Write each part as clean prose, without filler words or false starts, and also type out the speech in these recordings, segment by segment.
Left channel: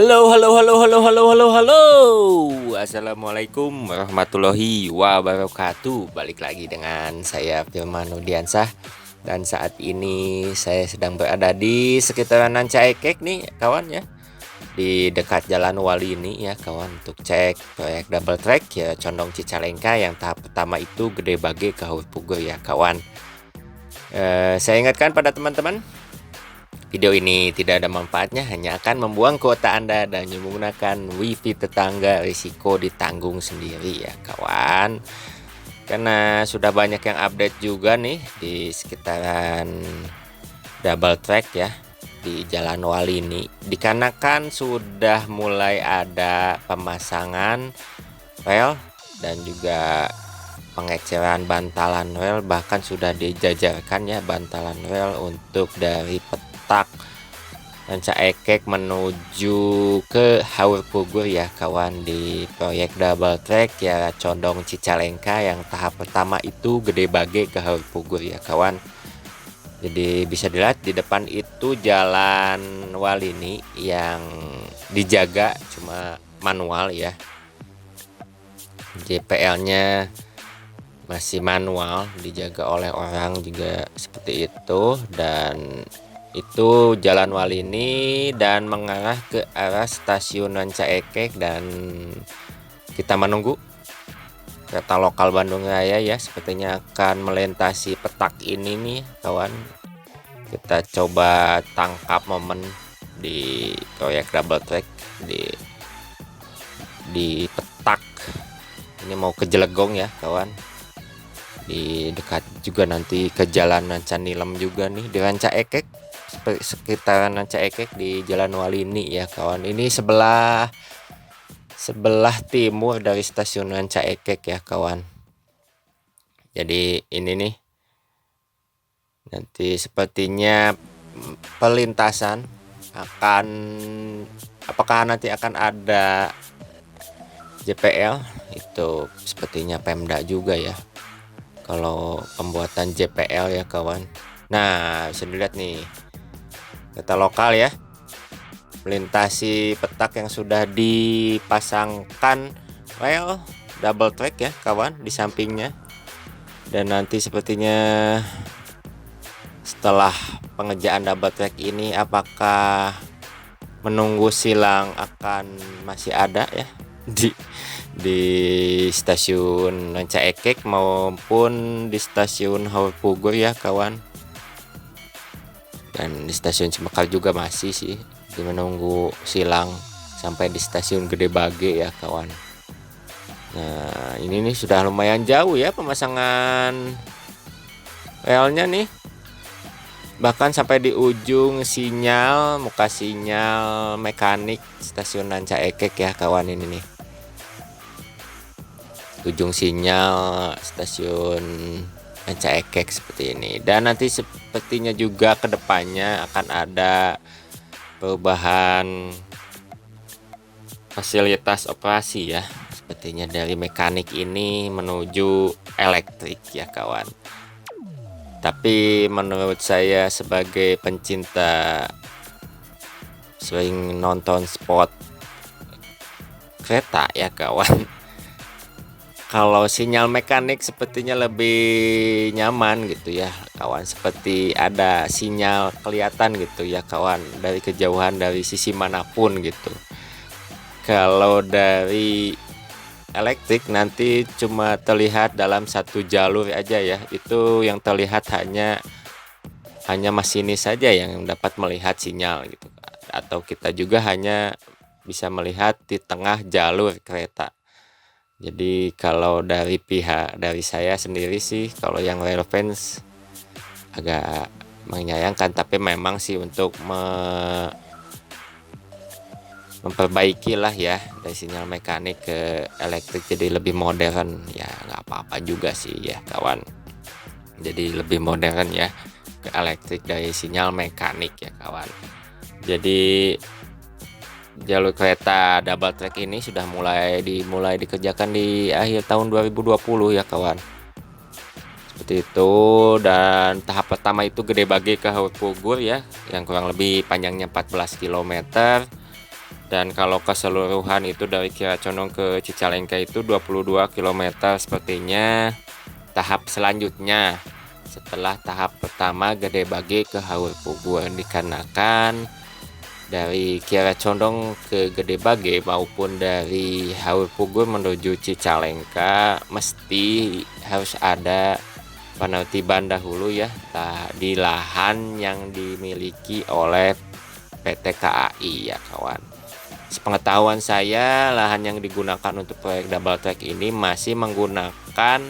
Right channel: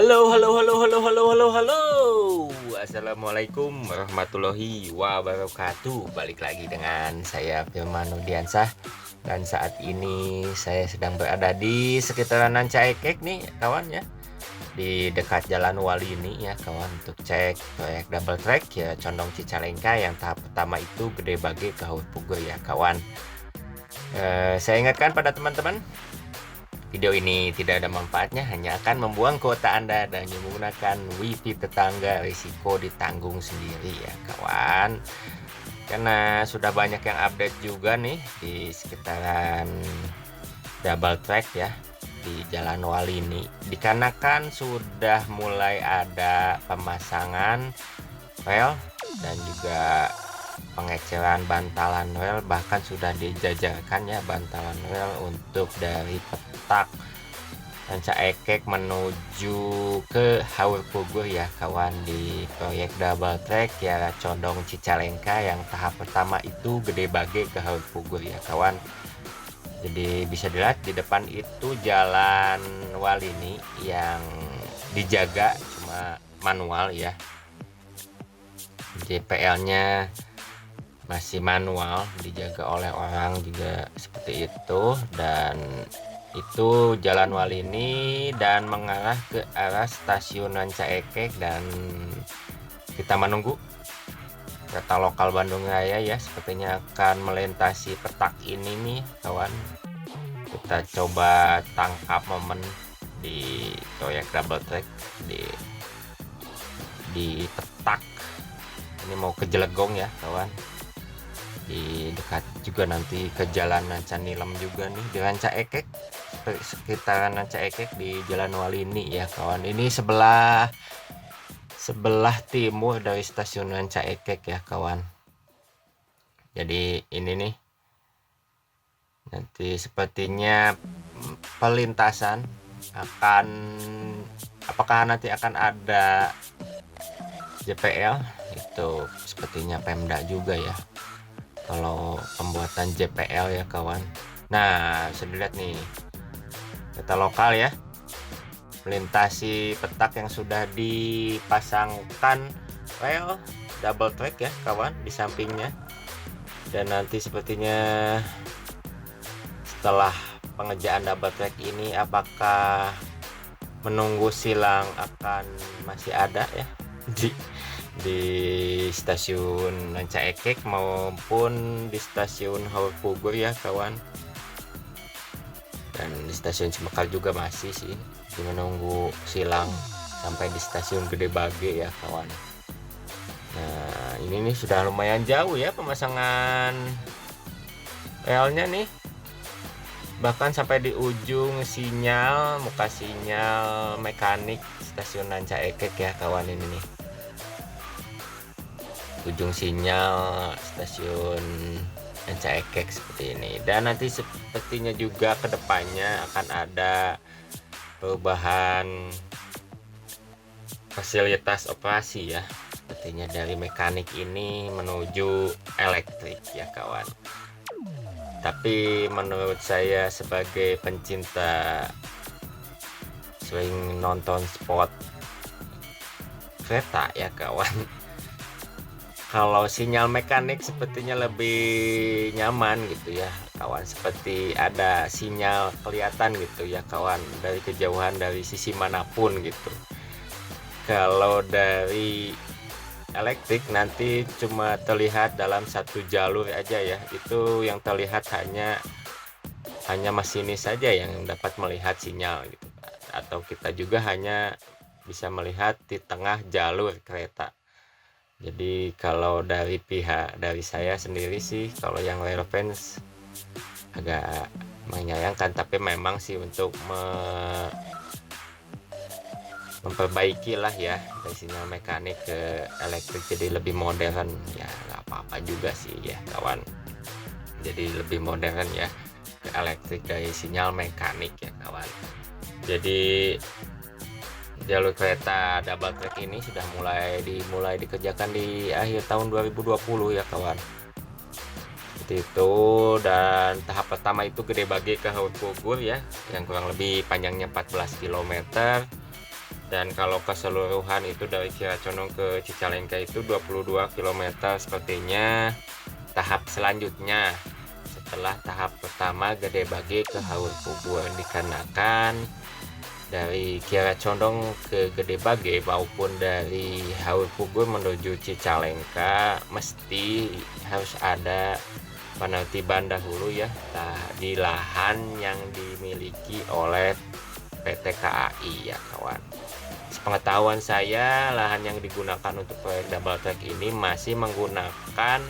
Halo, halo, halo, halo, halo, halo, halo. Assalamualaikum warahmatullahi wabarakatuh. Balik lagi dengan saya Firman Nudiansah. Dan saat ini saya sedang berada di sekitaran Rancaekek nih kawan ya. Di dekat Jalan Wali ini ya kawan, untuk cek proyek double track ya Condong Cicalengka yang tahap pertama itu Gede Bage ke Haur Pugur ya kawan. Saya ingatkan pada teman-teman, video ini tidak ada manfaatnya, hanya akan membuang kuota Anda dan menggunakan wifi tetangga, risiko ditanggung sendiri ya kawan. Karena sudah banyak yang update juga nih di sekitaran double track ya di Jalan Wali ini. Dikarenakan sudah mulai ada pemasangan rel dan juga pengeceran bantalan rel, bahkan sudah dijajarkan ya bantalan rel untuk dari petak Rancaekek menuju ke Haur Pugur ya kawan, di proyek double track ya Condong Cicalengka yang tahap pertama itu Gede Bage ke Haur Pugur ya kawan. Jadi bisa dilihat di depan itu Jalan Wali ini yang dijaga cuma manual ya, JPL-nya masih manual, dijaga oleh orang juga seperti itu. Dan itu Jalan Wali ini dan mengarah ke arah stasiun Rancaekek, dan kita menunggu kereta lokal Bandung Raya ya, sepertinya akan melintasi petak ini nih kawan. Kita coba tangkap momen di proyek double track di petak ini, mau ke Jelegong ya kawan. Di dekat juga nanti ke Jalan Rancanilem juga nih di Rancaekek, sekitaran Rancaekek di Jalan Wali ini ya kawan. Ini sebelah timur dari stasiun Rancaekek ya kawan. Jadi ini nih nanti sepertinya pelintasan akan, apakah nanti akan ada JPL, itu sepertinya Pemda juga ya kalau pembuatan JPL ya kawan. Nah bisa dilihat nih kereta lokal ya melintasi petak yang sudah dipasangkan rel double track ya kawan di sampingnya. Dan nanti sepertinya setelah pengerjaan double track ini, apakah menunggu silang akan masih ada ya di stasiun Rancaekek maupun di stasiun Haur Pugur ya kawan. Dan di stasiun Cimekar juga masih sih menunggu silang sampai di stasiun Gede Bage ya kawan. Nah ini nih sudah lumayan jauh ya pemasangan relnya nih, bahkan sampai di ujung sinyal, muka sinyal mekanik stasiun Rancaekek ya kawan. Ini nih ujung sinyal stasiun Rancaekek seperti ini. Dan nanti sepertinya juga kedepannya akan ada perubahan fasilitas operasi ya, sepertinya dari mekanik ini menuju elektrik ya kawan. Tapi menurut saya sebagai pencinta sering nonton spot kereta ya kawan, kalau sinyal mekanik sepertinya lebih nyaman gitu ya kawan, seperti ada sinyal kelihatan gitu ya kawan dari kejauhan, dari sisi manapun gitu. Kalau dari elektrik nanti cuma terlihat dalam satu jalur aja ya, itu yang terlihat hanya masinis saja yang dapat melihat sinyal gitu, atau kita juga hanya bisa melihat di tengah jalur kereta. Jadi kalau dari saya sendiri sih, kalau yang rail fans agak menyayangkan, tapi memang sih untuk memperbaiki lah ya dari sinyal mekanik ke elektrik jadi lebih modern ya, nggak apa-apa juga sih ya kawan. Jadi lebih modern ya ke elektrik dari sinyal mekanik ya kawan. Jadi jalur kereta double track ini sudah mulai dikerjakan di akhir tahun 2020 ya kawan, seperti itu. Dan tahap pertama itu Gede Bage ke Haur Pugur ya, yang kurang lebih panjangnya 14 km. Dan kalau keseluruhan itu dari Kiara Condong ke Cicalengka itu 22 km sepertinya. Tahap selanjutnya setelah tahap pertama Gede Bage ke Haur Pugur, dikarenakan dari Kiara Condong ke Gede Bage maupun dari Haur Pugur menuju Cicalengka mesti harus ada penertiban dahulu ya di lahan yang dimiliki oleh PT KAI ya kawan. Sepengetahuan saya, lahan yang digunakan untuk proyek double track ini masih menggunakan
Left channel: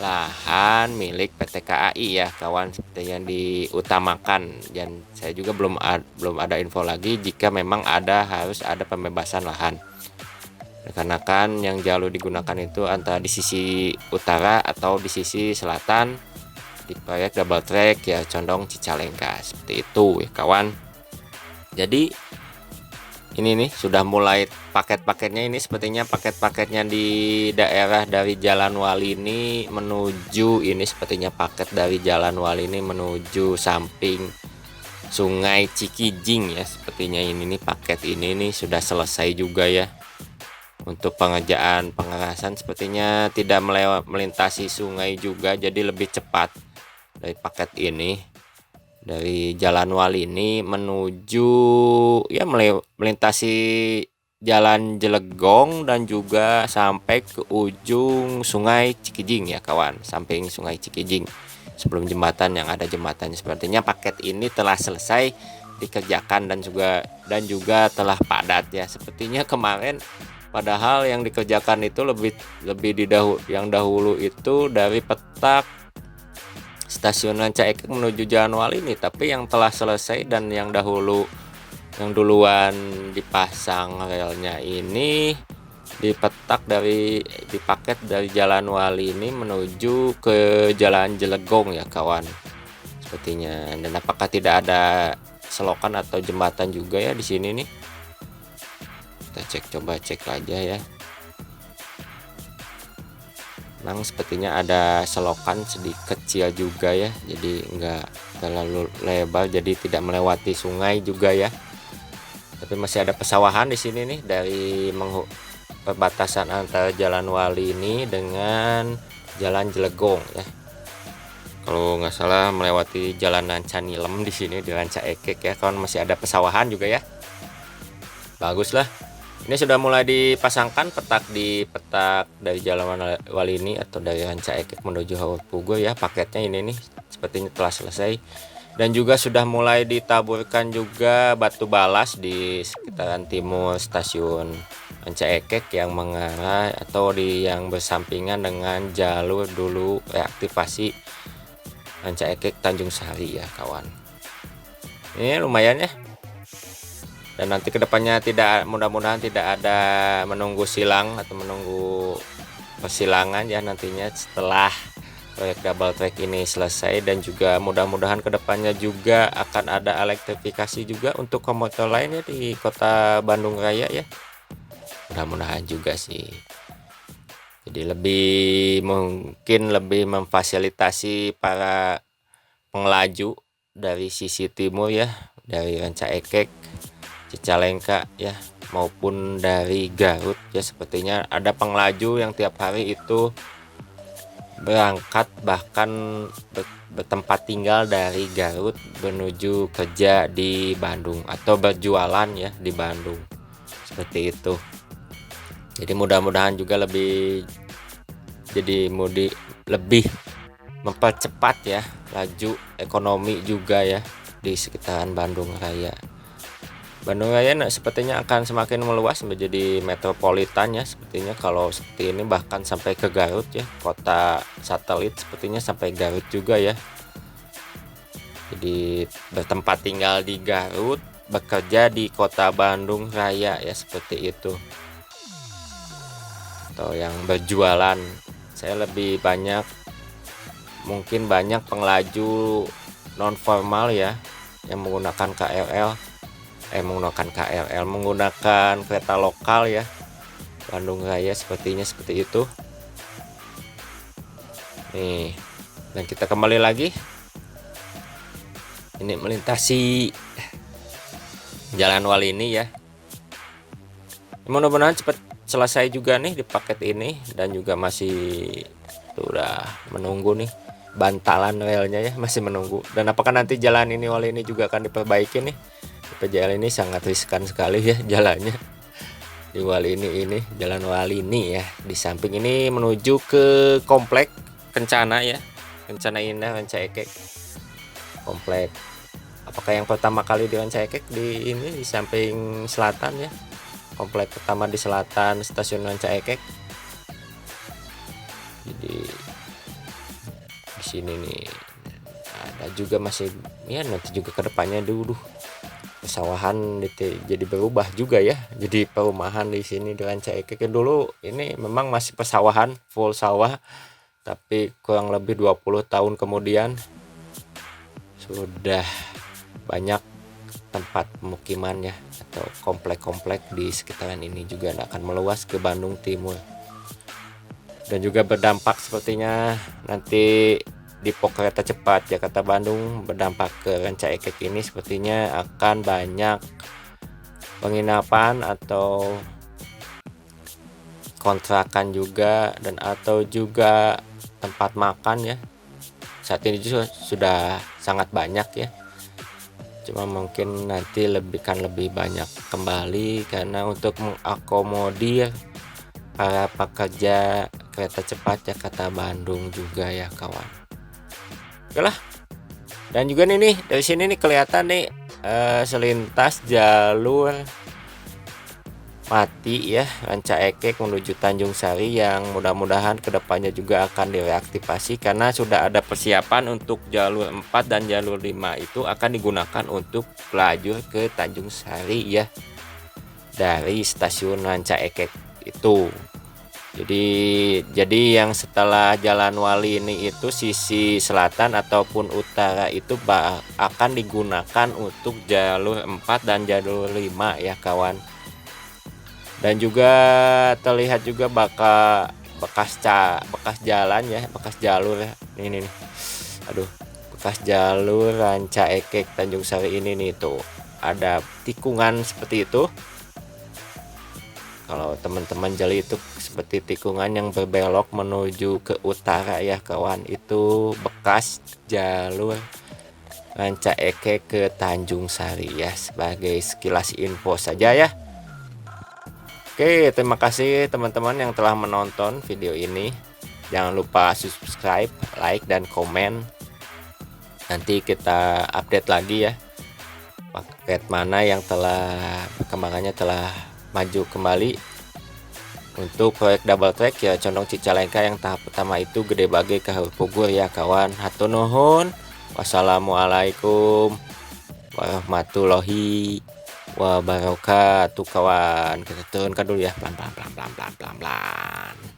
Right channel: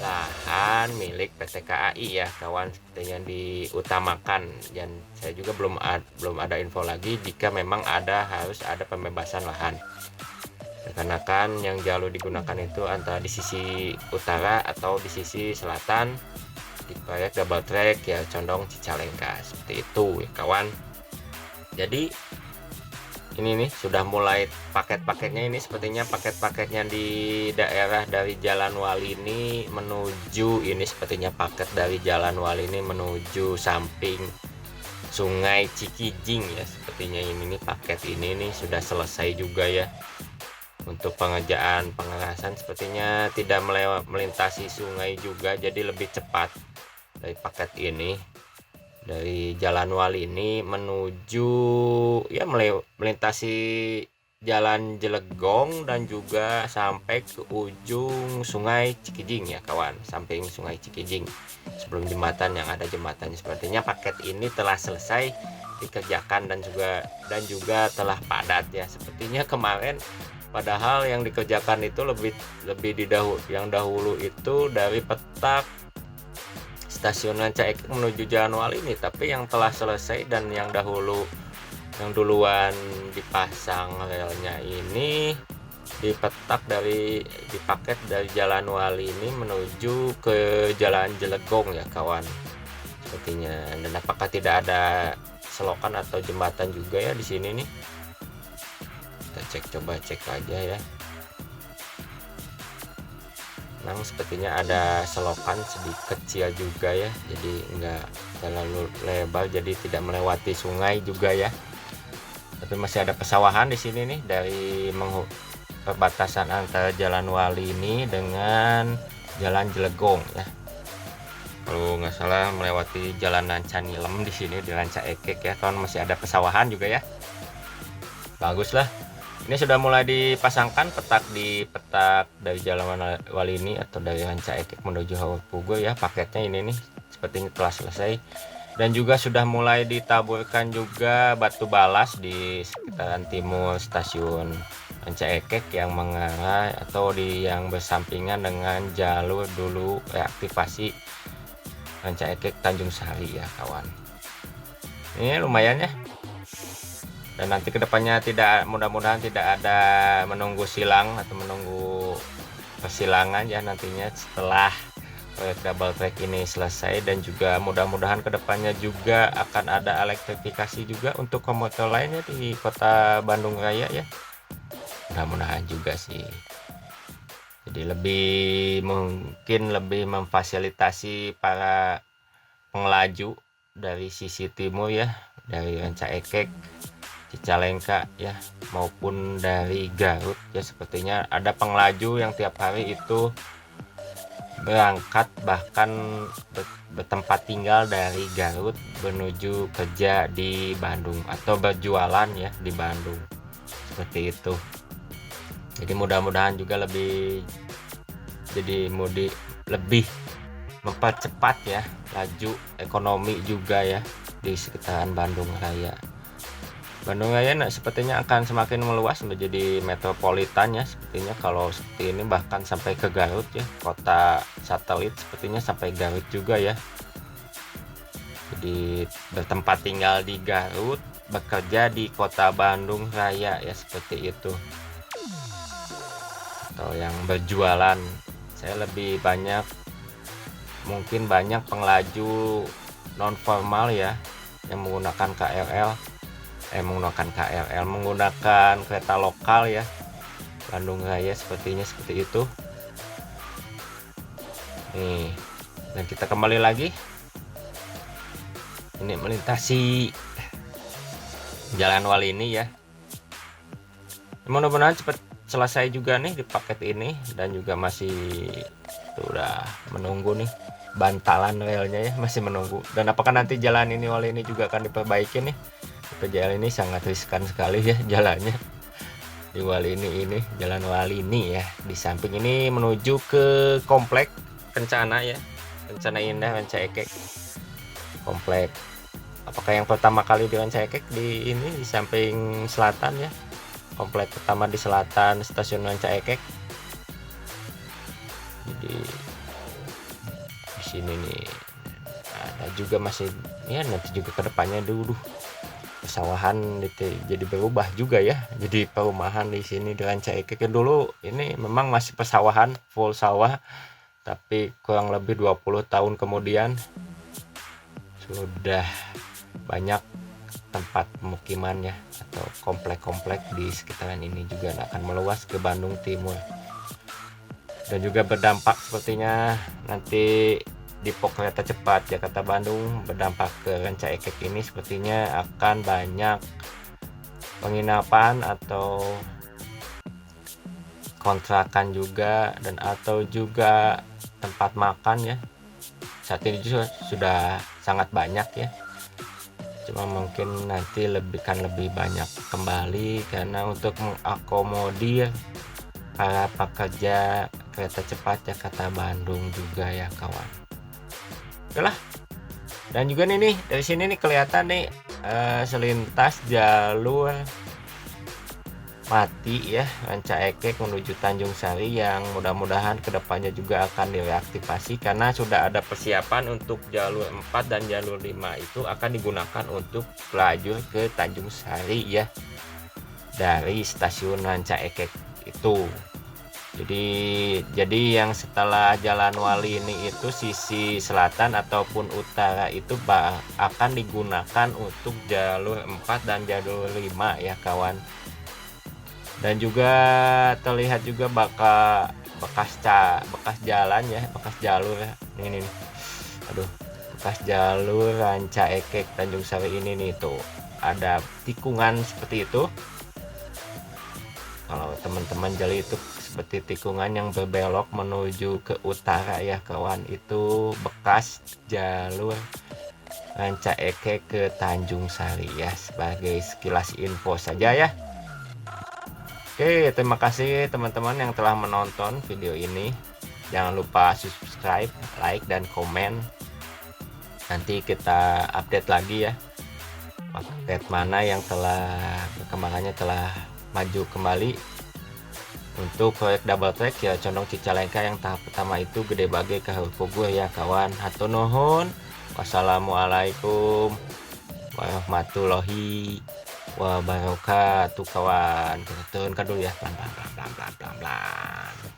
lahan milik PT KAI ya kawan, seperti yang diutamakan. Dan saya juga belum ada info lagi jika memang harus ada pembebasan lahan. Karena kan yang jalur digunakan itu antara di sisi utara atau di sisi selatan di proyek double track ya Condong Cicalengka, seperti itu ya kawan. Jadi ini nih sudah mulai paket-paketnya, ini sepertinya paket-paketnya di daerah dari Jalan Wali ini menuju, ini sepertinya paket dari Jalan Wali ini menuju samping Sungai Cikijing ya, sepertinya ini nih paket ini nih sudah selesai juga ya. Untuk pengerjaan pengerasan sepertinya tidak melintasi sungai juga, jadi lebih cepat dari paket ini. Dari Jalan Wali ini menuju ya melintasi Jalan Jelegong dan juga sampai ke ujung Sungai Cikijing ya kawan, samping Sungai Cikijing sebelum jembatan yang ada jembatannya. Sepertinya paket ini telah selesai dikerjakan dan juga telah padat ya. Sepertinya kemarin padahal yang dikerjakan itu lebih yang dahulu itu dari Petak Stasiun Ranca Ekek menuju Jalan Wali ini, tapi yang telah selesai dan yang duluan dipasang relnya ini dipaket dari Jalan Wali ini menuju ke Jalan Jelegong ya kawan, sepertinya. Dan apakah tidak ada selokan atau jembatan juga ya di sini nih? Kita coba cek aja ya. Sepertinya ada selokan sedikit kecil juga ya, jadi enggak terlalu lebar, jadi tidak melewati sungai juga ya. Tapi masih ada pesawahan di sini nih dari perbatasan antara Jalan Wali ini dengan Jalan Jelegong ya. Kalau nggak salah melewati Jalan Ranca Nilem di sini di Ranca Ekek ya, kan masih ada pesawahan juga ya. Bagus lah. Ini sudah mulai dipasangkan petak dari Jalan Wali ini atau dari Ranca Ekek menuju Haur Pugur ya. Paketnya ini nih sepertinya telah selesai, dan juga sudah mulai ditaburkan juga batu balas di sekitaran timur stasiun Ranca Ekek yang mengarah atau yang bersampingan dengan jalur dulu reaktivasi Ranca Ekek Tanjung Sari ya kawan. Ini lumayan ya. Dan nanti kedepannya mudah-mudahan tidak ada menunggu silang atau menunggu persilangan ya nantinya setelah proyek double track ini selesai. Dan juga mudah-mudahan kedepannya juga akan ada elektrifikasi juga untuk komuter lainnya di kota Bandung Raya ya, mudah-mudahan juga sih. Jadi mungkin lebih memfasilitasi para pengelaju dari sisi timur ya, dari Ranca Ekek, Cicalengka ya, maupun dari Garut ya. Sepertinya ada pengelaju yang tiap hari itu berangkat bahkan bertempat tinggal dari Garut menuju kerja di Bandung atau berjualan ya di Bandung, seperti itu. Jadi mudah-mudahan juga lebih mempercepat ya laju ekonomi juga ya di sekitaran Bandung Raya. Bandung Raya sepertinya akan semakin meluas menjadi metropolitan ya, sepertinya kalau seperti ini bahkan sampai ke Garut ya, kota satelit sepertinya sampai Garut juga ya. Jadi bertempat tinggal di Garut, bekerja di kota Bandung Raya ya, seperti itu. Atau yang berjualan, saya lebih mungkin banyak pengelaju non formal ya yang menggunakan menggunakan kereta lokal ya Bandung Raya, sepertinya seperti itu nih. Dan kita kembali lagi ini melintasi Jalan Wali ini ya, Mudah-mudahan cepat selesai juga nih di paket ini, dan juga masih udah menunggu nih bantalan relnya ya, masih menunggu. Dan apakah nanti jalan ini wali ini juga akan diperbaiki nih? Jalan ini sangat riskan sekali ya jalannya di wali ini jalan wali ini ya. Di samping ini menuju ke komplek Kencana ya, Kencana Indah Rancaekek komplek. Apakah yang pertama kali di Rancaekek di ini di samping selatan ya, komplek pertama di selatan stasiun Rancaekek. Jadi di sini nih ada juga masih ya, nanti juga kedepannya dulu pesawahan jadi berubah juga ya, jadi perumahan di sini di Rancaekek. Dulu ini memang masih pesawahan full sawah, tapi kurang lebih 20 tahun kemudian sudah banyak tempat pemukiman ya, atau komplek-komplek di sekitaran ini juga akan meluas ke Bandung Timur. Dan juga berdampak sepertinya nanti di pos kereta cepat Jakarta Bandung berdampak ke Rancaekek ini, sepertinya akan banyak penginapan atau kontrakan juga, dan atau juga tempat makan ya. Saat ini juga sudah sangat banyak ya, cuma mungkin nanti lebih banyak kembali karena untuk mengakomodir para pekerja kereta cepat Jakarta Bandung juga ya kawan. Oke lah. Dan juga nih dari sini nih kelihatan nih selintas jalur mati ya Rancaekek menuju Tanjung Sari, yang mudah-mudahan kedepannya juga akan direaktivasi karena sudah ada persiapan untuk jalur 4 dan jalur 5 itu akan digunakan untuk lajur ke Tanjung Sari ya, dari stasiun Rancaekek itu. Jadi yang setelah Jalan Wali ini itu sisi selatan ataupun utara itu akan digunakan untuk jalur 4 dan jalur 5 ya kawan. Dan juga terlihat juga bekas jalan ya, bekas jalur ya. Ini nih. Aduh, bekas jalur Rancaekek Tanjung Sari ini nih tuh. Ada tikungan seperti itu. Kalau teman-teman jali itu seperti tikungan yang berbelok menuju ke utara ya kawan, itu bekas jalur Rancaekek ke Tanjung Sari ya, sebagai sekilas info saja ya. Oke, terima kasih teman-teman yang telah menonton video ini. Jangan lupa subscribe, like, dan komen. Nanti kita update lagi ya, paket mana yang perkembangannya telah maju kembali. Untuk proyek double track ya Condong Cicalengka yang tahap pertama itu Gede Bage ke Pugur ya kawan. Hatur nuhun. Wassalamualaikum warahmatullahi wabarakatuh kawan. Kita turunkan dulu ya, pelan-pelan.